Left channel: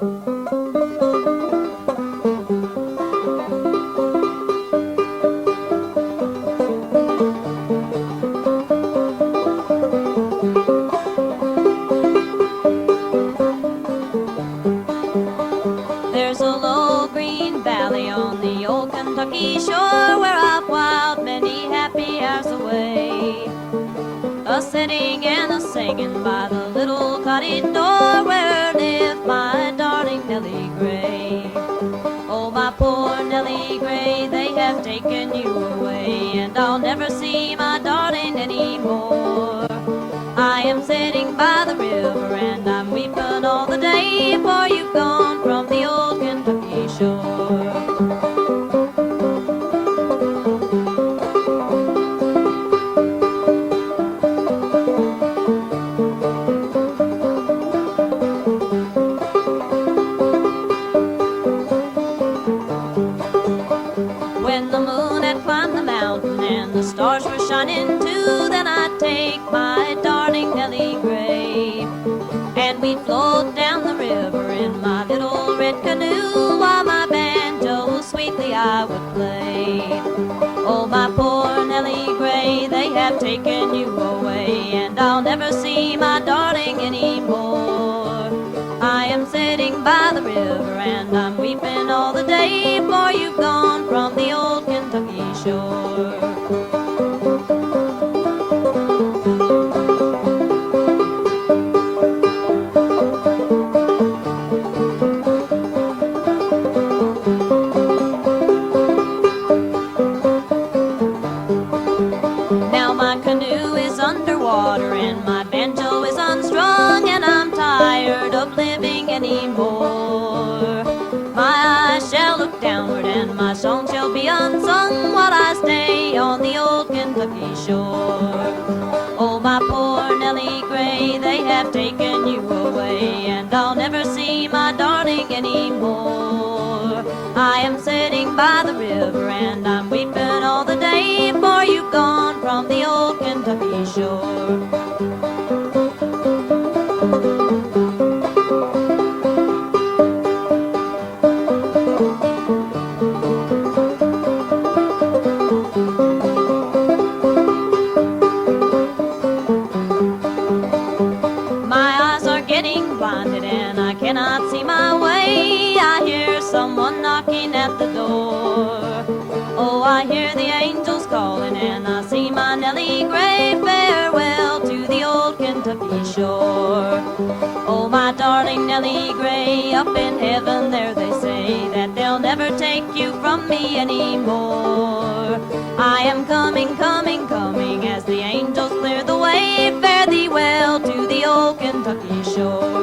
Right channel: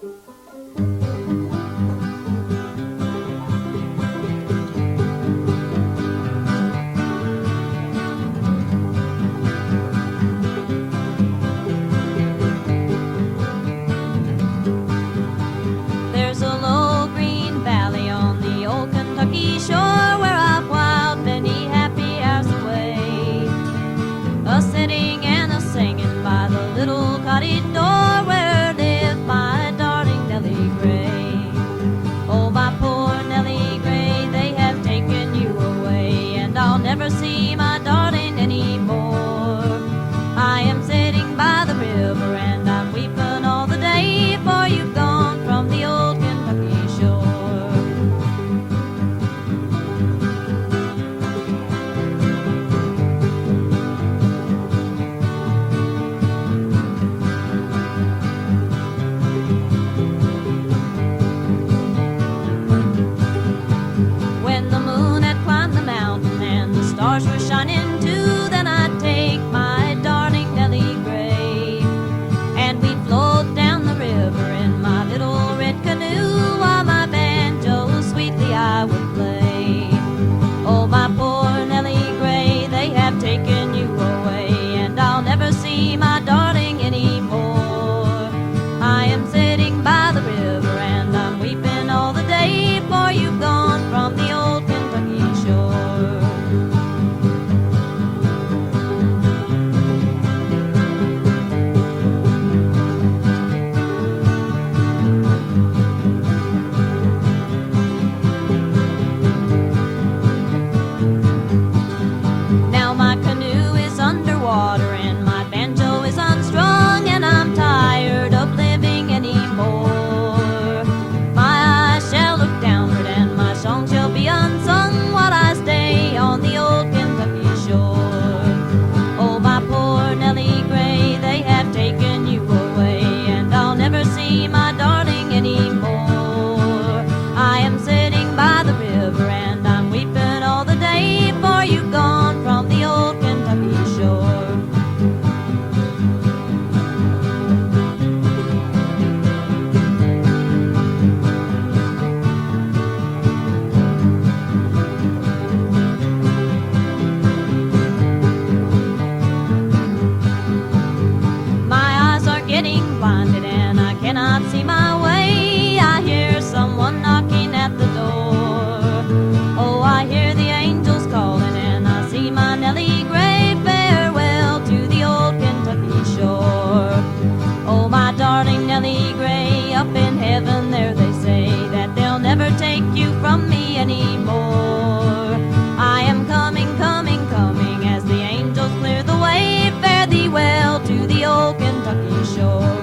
There's a low green valley on the old Kentucky shore where I've whiled many happy hours away, a-sitting and a-singing by the little cottage door where lived my darling Nellie Gray. Oh, my poor Nellie Gray, they have taken you away, and I'll never see my darling anymore. I am sitting by the river and I'm weeping all the day, for you've gone from the old Kentucky shore. When the moon had climbed the mountain and the stars were shining too, then I'd take my darling Nellie Gray, and we'd float down the river in my little red canoe, while my banjo sweetly I would play. Oh, my poor Nellie Gray, they have taken you away, and I'll never see my darling anymore. I am sitting by the river and I'm weeping all the day, for you've gone from the old Kentucky shore. Now my canoe is underwater and my banjo is unstrung, and I'm tired of living anymore. My eyes shall look downward and my song shall be unsung, while I stay on the old Kentucky shore. Oh, my poor Nellie Gray, they have taken you away, and I'll never see my darling anymore. I am sitting by the river and I'm weeping all the day, for you've gone from the old Kentucky shore. My eyes are getting blinded and I cannot see my way. I hear someone knocking at the door. Oh, I hear the angels calling and I see my Nellie Gray. Farewell to the old Kentucky shore. Oh, my darling Nellie Gray, up in heaven there they say that they'll never take you from me anymore. I am coming, coming, coming as the angels clear the way. Fare thee well to the old Kentucky shore.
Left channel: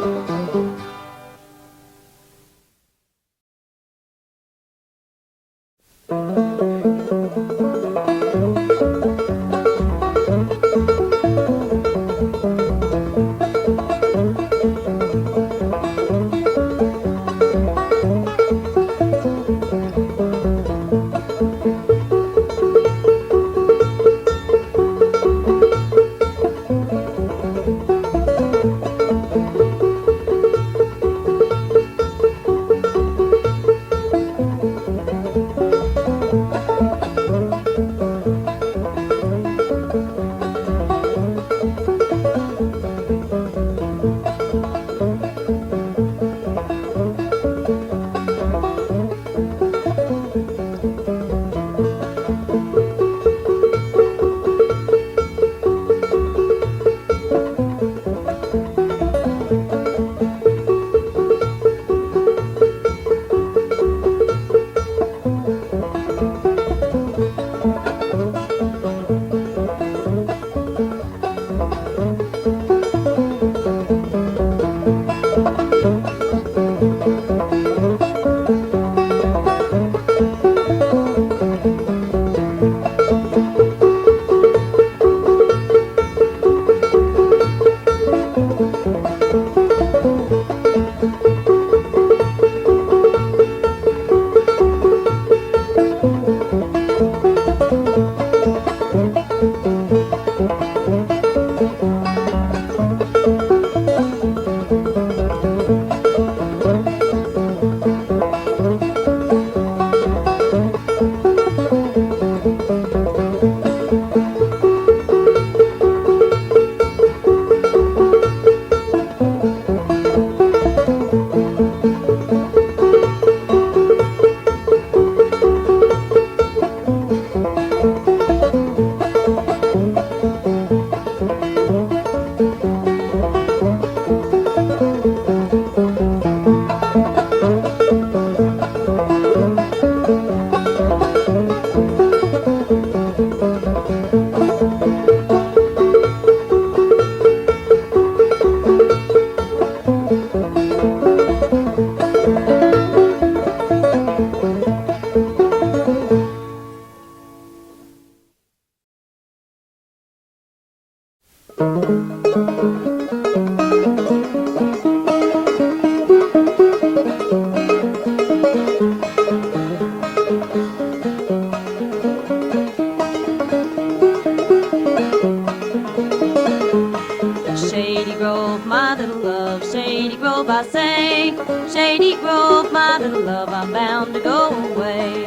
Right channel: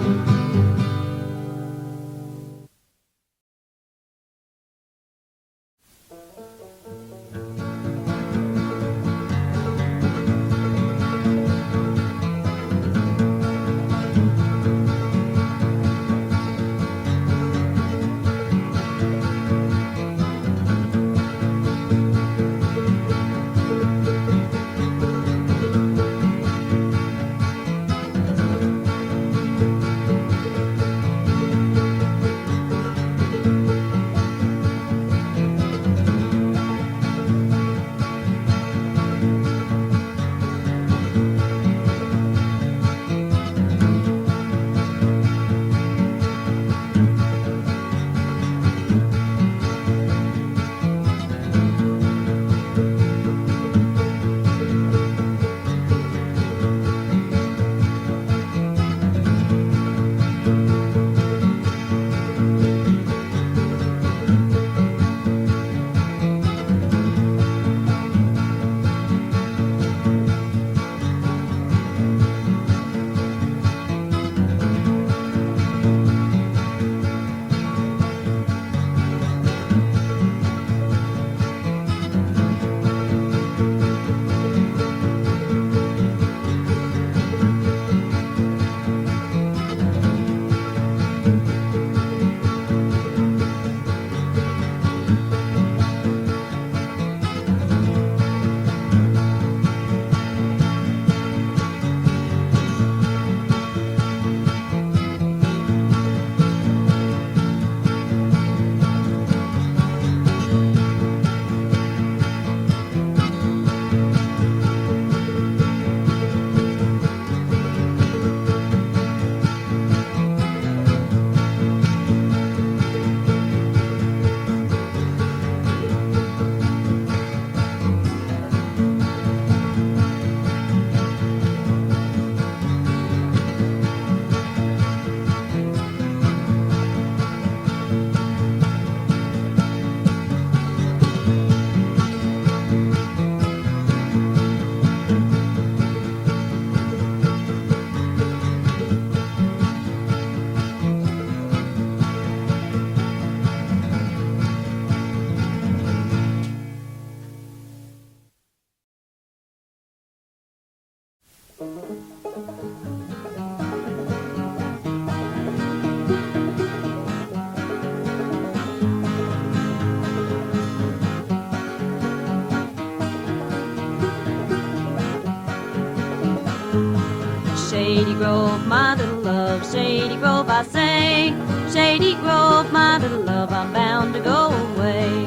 Grove, I say. Shady Grove, my little love, I'm bound to go away.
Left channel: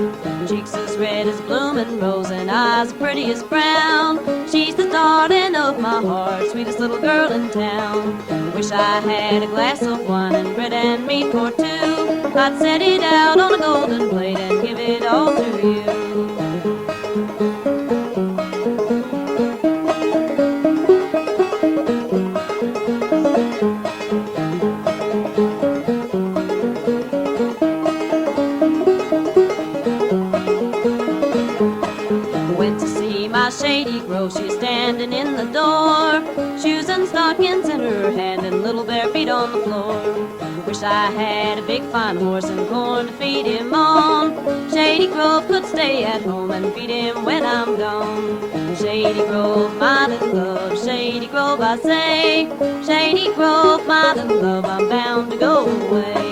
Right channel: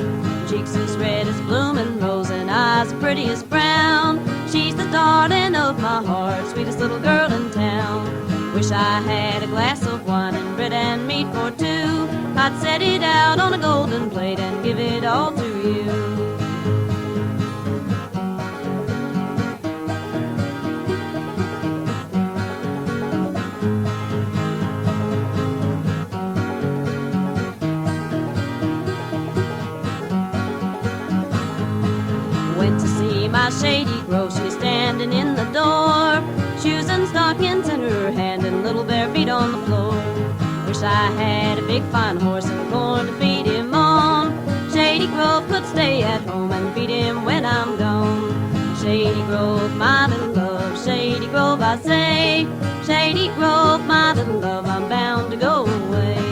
Cheeks as red as bloomin' rose and eyes pretty as brown. She's the darling of my heart, sweetest little girl in town. Wish I had a glass of wine and bread and meat for two. I'd set it out on a golden plate and give it all to you. Shady Grove, she's standing in the door, shoes and stockings in her hand and little bare feet on the floor. Wish I had a big fine horse and corn to feed him on. Shady Grove could stay at home and feed him when I'm gone. Shady Grove, my little love, Shady Grove, I say. Shady Grove, my little love, I'm bound to go away.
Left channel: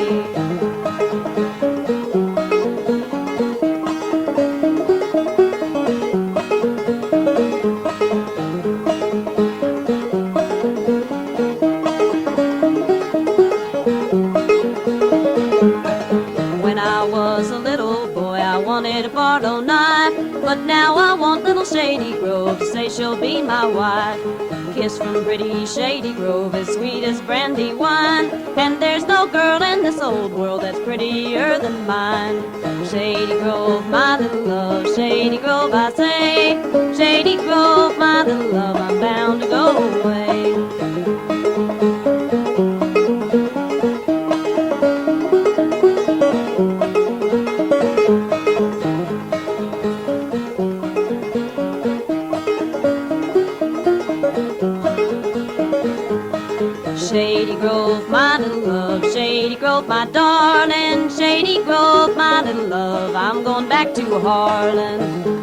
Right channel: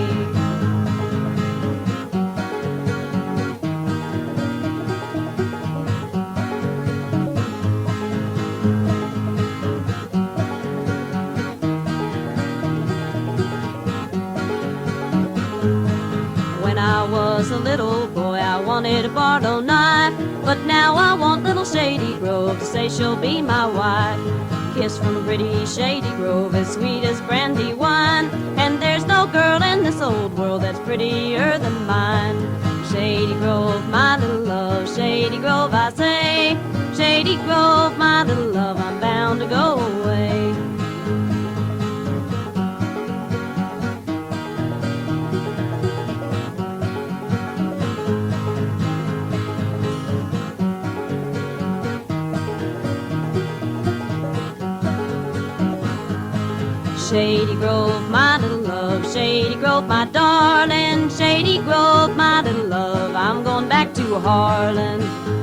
I wanted a Barlow knife, but now I want little Shady Grove to say she'll be my wife. Kiss from pretty Shady Grove as sweet as brandy wine, and there's no girl in this old world that's prettier than mine. Shady Grove, my little love, Shady Grove, I say. Shady Grove, my little love, I'm bound to go away. Shady Grove, my little love, Shady Grove, my darling, Shady Grove, my little love, I'm going back to Harlan.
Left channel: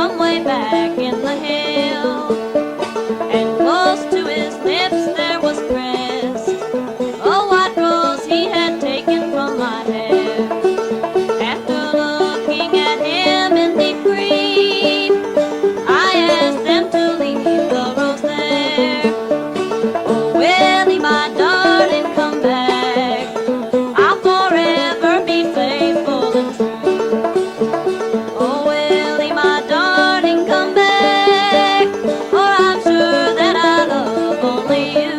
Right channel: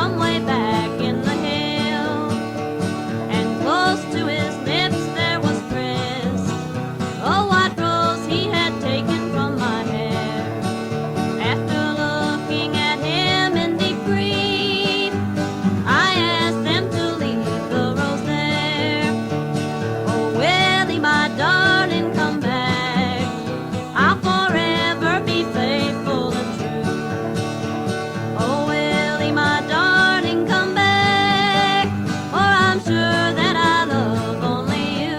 from way back in the hill, and close to his lips there was pressed a white rose he had taken from my hair. After looking at him in deep grief, I asked them to leave the rose there. Oh, Willie, my darling, come back. I'll forever be faithful and true. Oh, Willie, my darling, come back, for I'm sure that I love only you.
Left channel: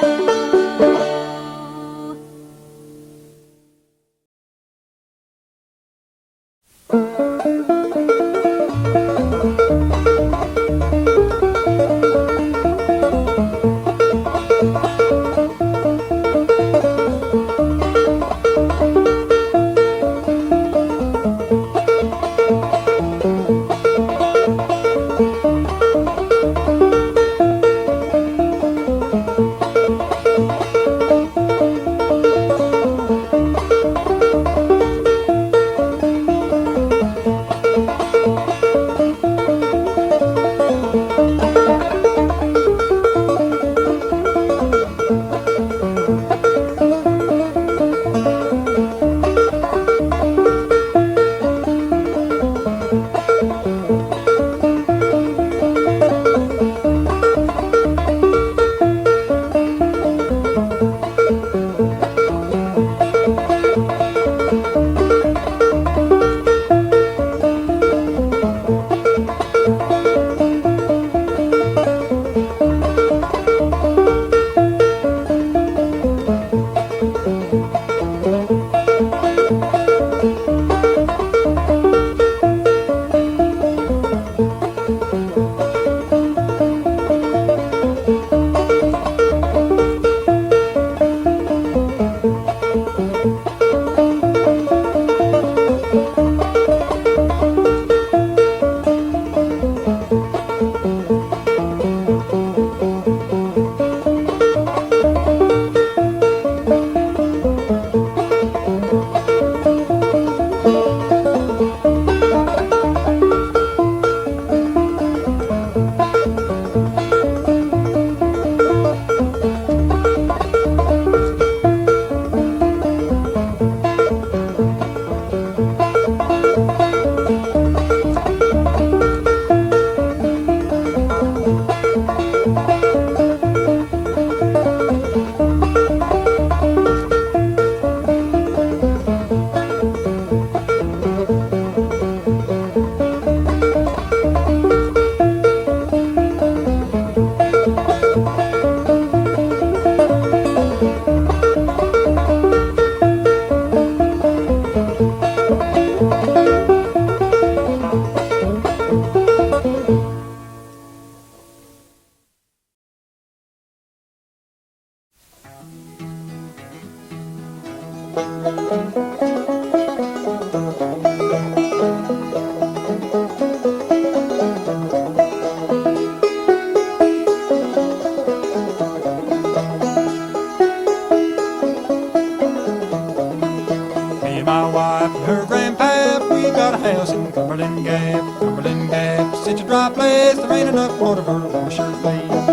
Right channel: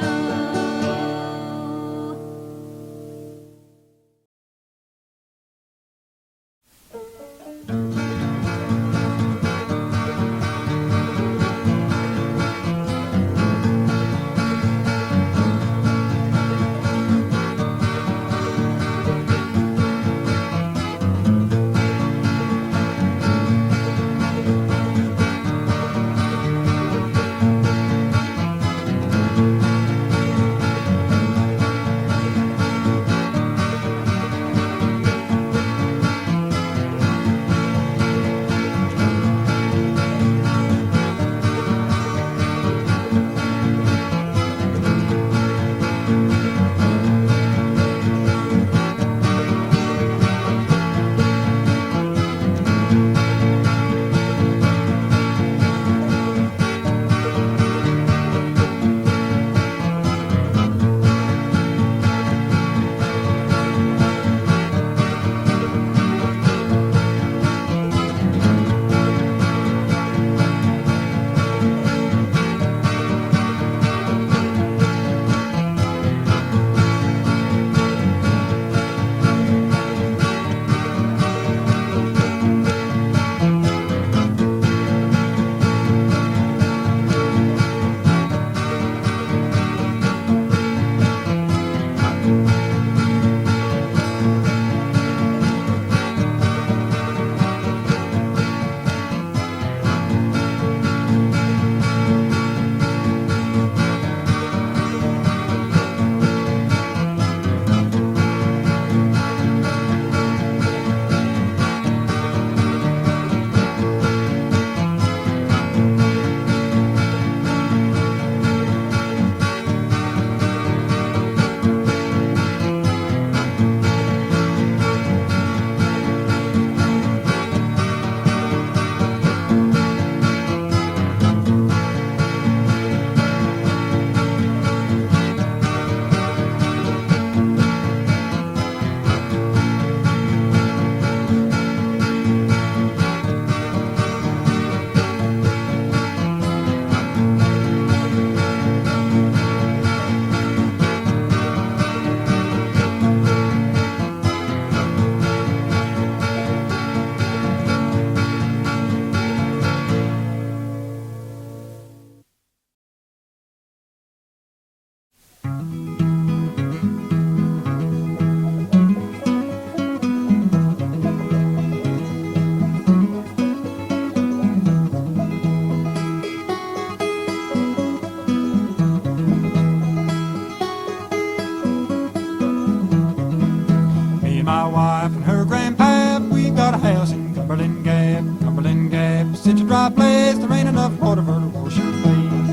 My wife and her grandpap, we got a house in Cumberland Gap. Cumberland Gap, such a dry place, there ain't enough water for to wash your face.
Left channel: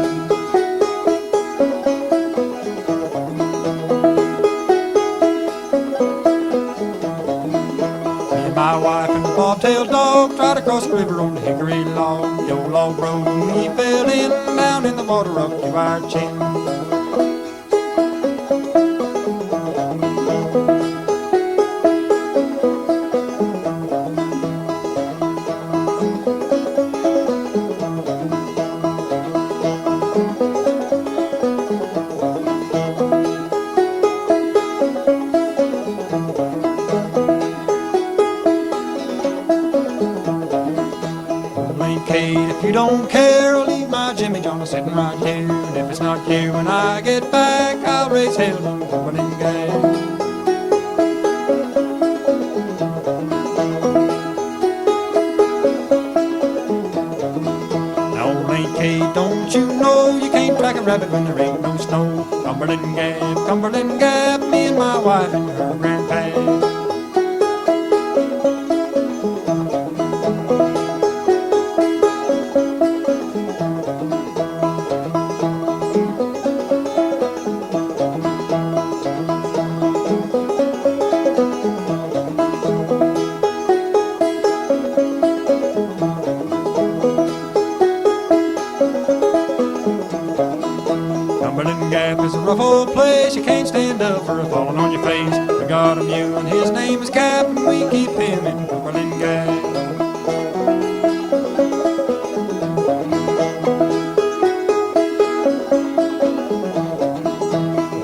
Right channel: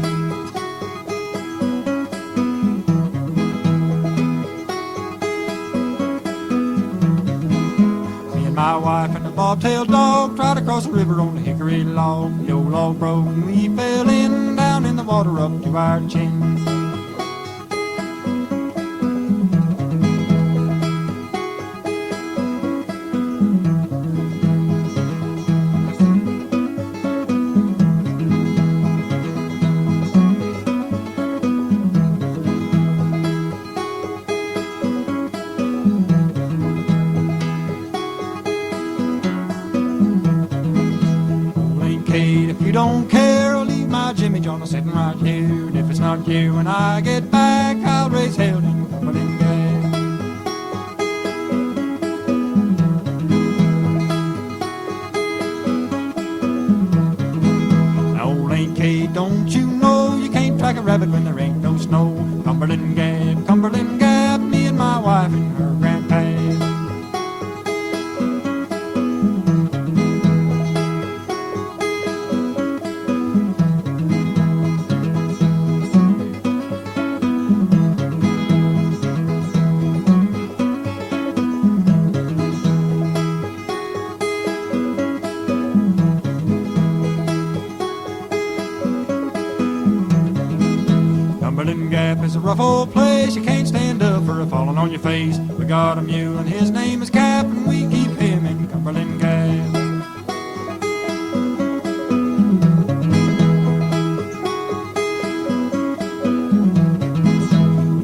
Me and my wife and the bobtailed dog tried to cross the river on the hickory log. The old log broke and we fell in, down in the water up to our chin. Kate, if you don't care, I'll leave my Jimmy John sitting right here. And if it's not you when I get back, I'll raise hell in Cumberland Gap. Now, Aunt Kate, don't you know you can't track a rabbit when there ain't no snow? Cumberland Gap, me and my wife and her grandpa. Gap is a rough old place. You can't stand up for a falling on your face. We got a mule and his name is Cap, and we keep him in Cumberland Gap.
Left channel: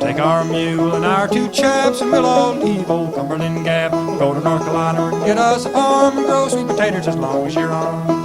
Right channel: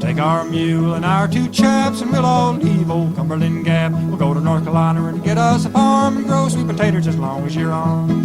Take our mule and our two chaps, and we'll all leave old Cumberland Gap. We'll go to North Carolina and get us a farm and grow sweet potatoes as long as you're on.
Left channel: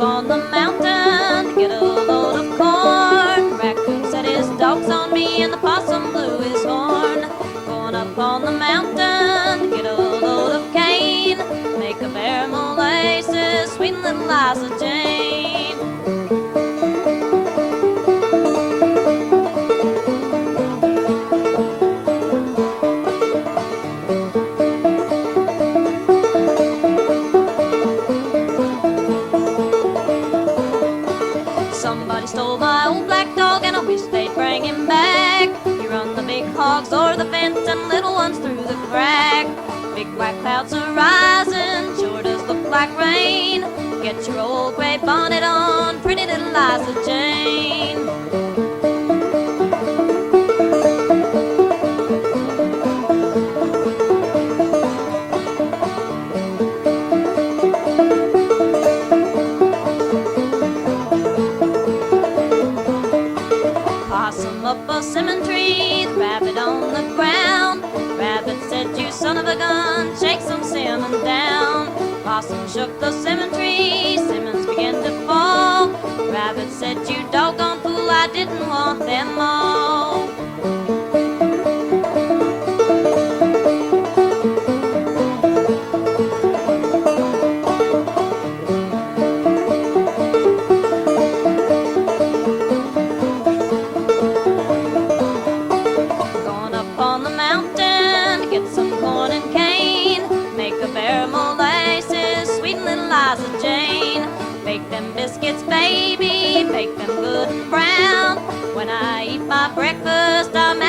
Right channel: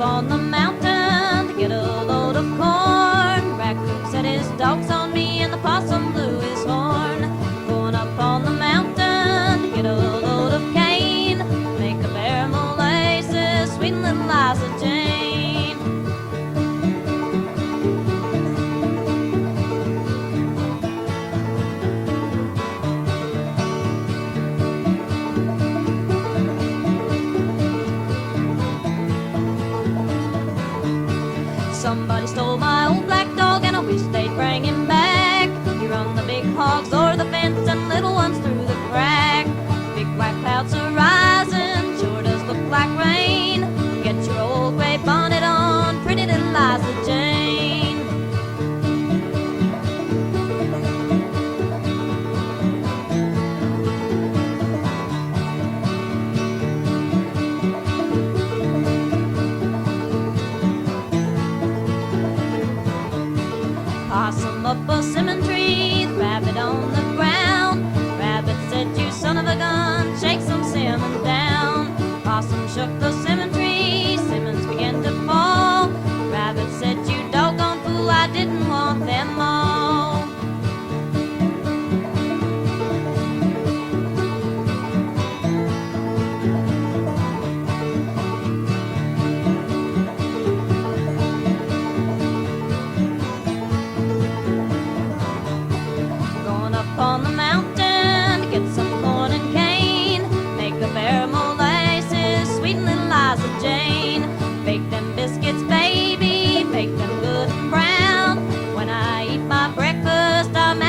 On the mountain to get a load of corn. Raccoon set his dogs on me and the possum blew his horn. Going up on the mountain to get a load of cane. Make a bear molasses, sweet little Liza Jane. Somebody stole my old black dog and I wish they'd bring him back. He run the big hogs o'er the fence and little ones through the crack. Big white clouds are rising, sure does look like rain. Get your old gray bonnet on, pretty little Liza Jane. Possum up a cinnamon tree, the rabbit on the ground. Rabbit said, you son of a gun, shake some cinnamon down. Possum shook the cinnamon tree, cinnamons began to fall. Rabbit said, you doggone fool, I didn't want them all. Jane. Bake them biscuits, baby, bake them good and brown. When I eat my breakfast, I'm